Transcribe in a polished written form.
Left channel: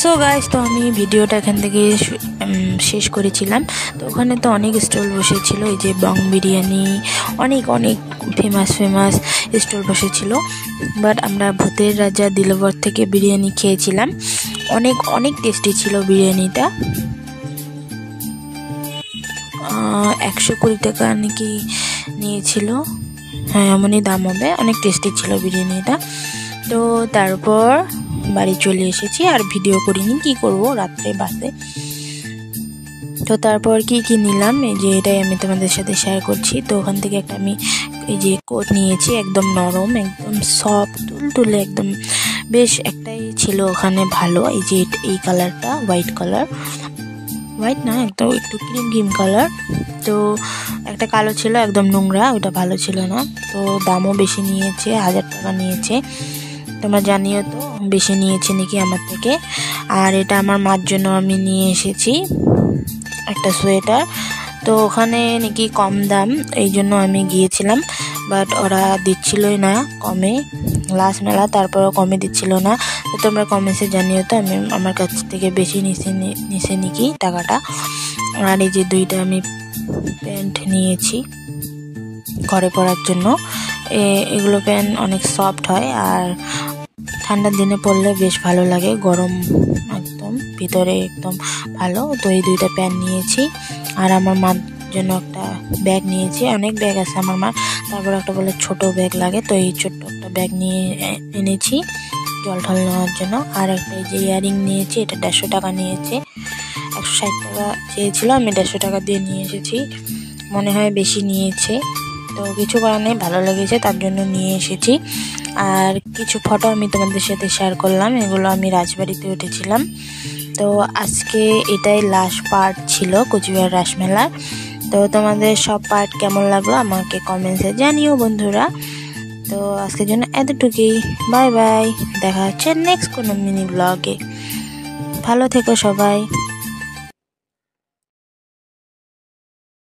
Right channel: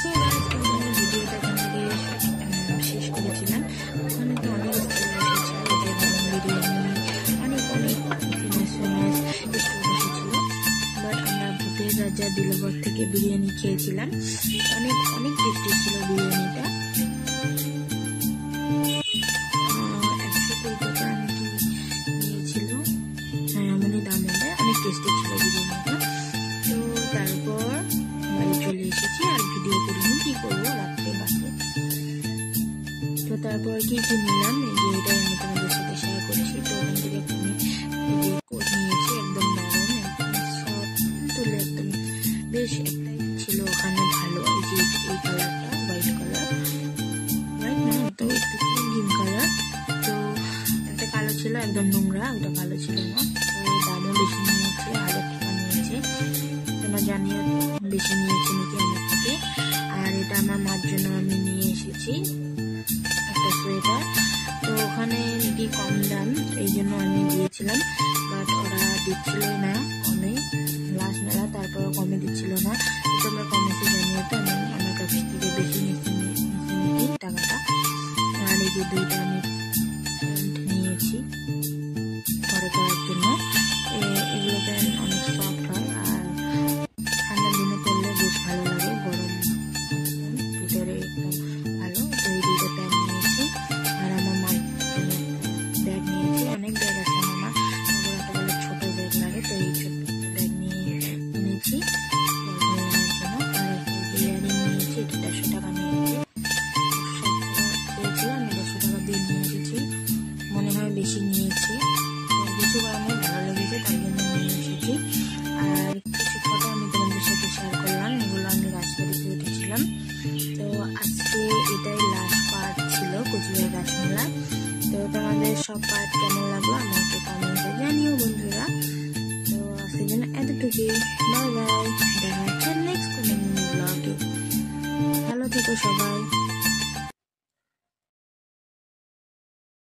So guys, তো আমি ভিডিওটা এখান থেকে শেষ করেছিলাম। তো ওখানে তো অনেক স্টল বসেছিল, এই যে বং বিরিয়ানি, অনেক অনেক ফেমাস স্টল বসেছিল। বাট আমরা ভূতের রাজা দিলবর থেকে বিরিয়ানি খেয়েছিলাম, অনেক অনেক টেস্টি ছিল বিরিয়ানিটা। 120 টাকা নাকি নিয়েছিল, হ্যাঁ এমনই দাম হবে। অনেক টেস্টি ছিল বিরিয়ানিটা। তো তারপর বাড়ি চলে এসেছি, আর ভিডিও করিনি, কি করব, রাত্রে বাসে। তো তারপর কি নিলাম, এই যে এটাই আমি তোমাদের সাথে শেয়ার করছি। তো ওখান থেকে একটা আমি এই যে কোট নিয়েছি, একদম নরম, একদম সফট, তুলতুলে একদম, বেশ একটাই ছিল ওখানে ভালো। এই যে এই কালারটা হোয়াইট কালার, হোয়াইট না, একদম একটু ক্রিম কালার। তো একটা কালো ছিল একদম নোংরা, ওটা ভালো ছিল না। তো দামও বেশি নিয়েছে, 1000 টাকা নিয়েছে। তোমরা জানিও তো বেশি নিয়েছে নাকি আমার থেকে। আর এটা আমার মার জন্য আমি নিয়ে এসেছি একটা সোয়েটার। তো ওখানে নাকি কম দাম, এই জন্য আমি গিয়েছিলাম, বাট ওরা দিচ্ছিলই না কমে, লাস্ট মেলা তারপরেও কমে দিচ্ছিল না। তো তোমরা কমেন্টসে জানিও তো আমি আমার কাছ থেকে বেশি নিছে নাকি টাকাটা। আর এই যে দুইটা আমি প্যান্ট নিয়েছি ঘরে পরার জন্য। এগুলো প্যান্ট অনেক সফট হয়, আর ঠান্ডার দিনে পরলে বেশ ভালো লাগে, গরম একদম ভিতরে একদম ভালো। তো এই দুইটা প্যান্ট নিয়েছি। আর আমার মার জন্য একটা ব্যাগ নিয়েছি, অনেক ব্যাগ আছে আমার মার, তারপর একটা বলে ছোট ব্যাগ লাগে, তো এই ছোট্ট একটা ব্যাগ নিয়ে এনেছি জল ঢল নেওয়ার জন্য। আর একটা এই যে ইয়ারিং নিয়েছি, এটা 150 টাকা নিয়েছে, 160 টাকা চেয়েছিল, আমি 150 টাকা দিয়ে নিয়ে এসেছি, মনে হয় বেশি নিয়েছে। তো কিছু কারণে ভালো লেগেছে, তার জন্য নিয়ে এসেছি। আর কিছু ফটো আমি তোমাদের সাথে শেয়ার করলাম, এগুলো আমি রাজবাড়িতে উঠেছিলাম। তো আজকে এটাই লাস্ট পার্ট ছিল কোচবিহার রাসমেলার। তো তোমাদের সব পার্ট কেমন লাগলো আমাকে কমেন্টসে জানিও বন্ধুরা। তো আজকের জন্য এতটুকুই, বাই বাই, দেখা হচ্ছে নেক্সট কোনো মিনি ব্লগে। ভালো থেকো সবাই।